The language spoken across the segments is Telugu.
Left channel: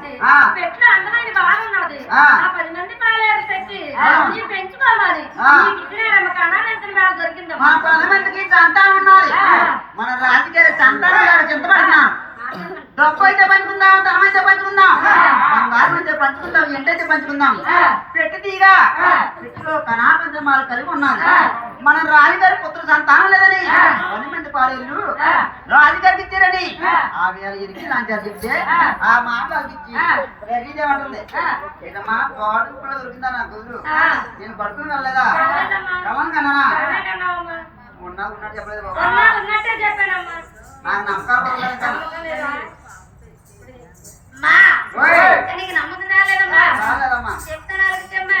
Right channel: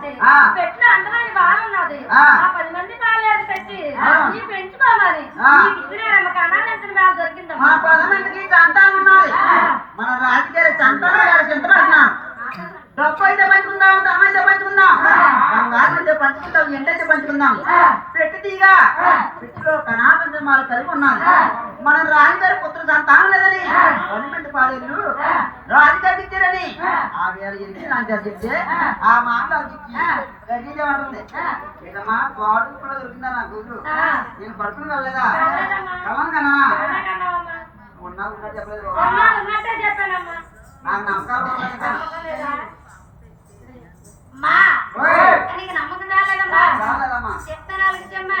కావాలంటే పెట్లో అందమైన బాగున్నది ఆ 10 మంది పాలేరు పెట్టి నీ పెంచుకోవాలి నీకు ఇచ్చినారమ్మ కనాలంటే వాళ్ళు దొరికిందమ్మా. మన 10 మందికి సంతానం ఉన్నది. మన రాజకీయ సంతానం గారు చింతపడుతున్నారు. డబ్బు అయితే పంచుకుందాం, ధనం అయితే పంచుకుందాం, బంగారం అయితే పంచుకుందాం, ఎంటైతే పంచుకుందాం. పెట్టు తీగా పెట్టులో కణాపంచమాలు కలిగి ఉన్నది. మన రాజుగారి పుత్ర సంతానం లేదని 10 మంది పాలేళ్ళు రాజుగారికి ఇచ్చారని ఆ వేళ ఇరికి లాంచారు చెప్తే ఆ మాటలు ఇచ్చి రవీదేమంటుంది, ఏదమ్మా తోడు కూడా దొరికిందా నా కూతురు? నేను పడుకుని వెళ్ళలేదా? కమన్ కన్నా ఉన్నట్టు చెప్పలేదు బాబు. నాకు నమ్మకాలు నమ్మకం రాలేదమ్మా. రాలేదమ్మా. చెప్తాను అమ్మా.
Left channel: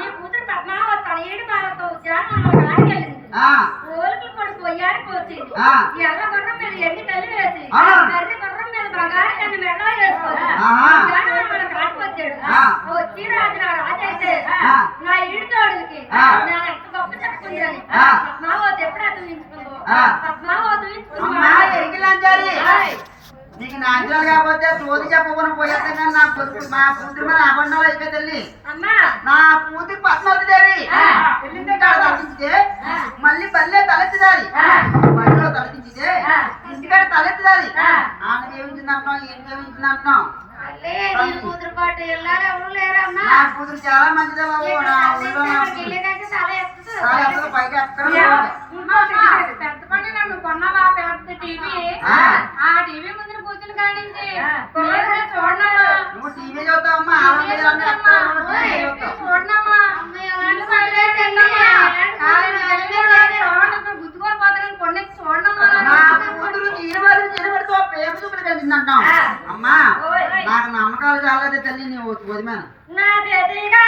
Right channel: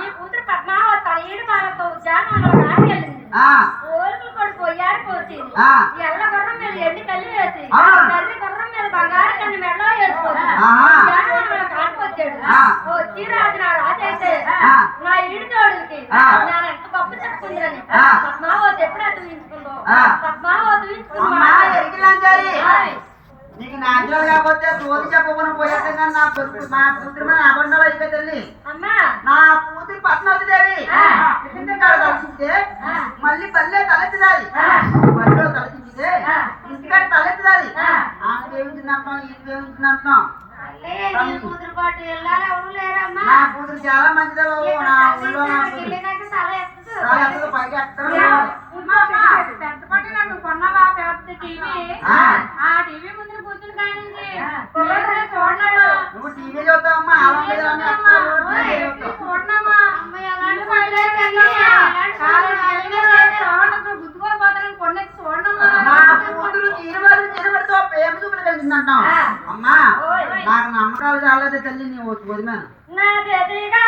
నీ కూతురు పద్మావతి తన 7 బాలతో ఉద్యానంలో ఆడికెళ్ళింది. ఓలుకులు కొడుకు వచ్చింది. ఎల్ల గుర్రం మీద ఎండి కల్లి వేసి కర్రి గుర్రం మీద బంగారు కన్ను మెడలో వేసుకొని ఉద్యానంలో కాటుకొచ్చాడు. వచ్చి రాజు నా రాజు అయితే నా ఈడు తోడుకి నేను ఎంత గొప్ప చెప్పుకుందని పద్మావతి ఎప్పుడైతే ఊహించుకుందో పద్మావతి ఊహించుకుంది. నీకు నాచురల్ కాకపోతే తోది చెప్పకుండా పోయేది కానీ నా కొడుకు మా కూతురు మీద అబండాలు అయిపోయి తల్లి. నా కూతురు పద్మావతిదేవి ఇంటికాడ తలెత్తితే మళ్ళీ పల్లె తలెత్తుదాది, బడిలో తలెత్తించితే ఇంటికాడ తలెత్తుదాది. ఆమె ఏమించింది అంటున్నాం, ఈయన ఏమించింది అంటున్నాం. కూతురు పాటు వెళ్ళాలి ఎవరు లేరమ్మా. నా కూతురు చాలా మంచిదే బాబు. నా ఊళ్ళో పైకి ఎక్కడ పెద్ద పని నన్ను కొన్నావా పెద్ద టీవీ, ఆ టీవీ ముందు కూర్చుని కానించి చూడనమ్మా. నువ్వు టీవీ చూస్తావమ్మా, చూడనమ్మా. గుద్దుకొని పోతానని కొన్ని చూడనమ్మా. నా కూతురు చీరబడితో ప్రేమ చూపులు కలిసిందంటాం. అమ్మా నాకు నమ్మకాలు చాలదే తల్లి, నీ వదిమాను నా చేతిగా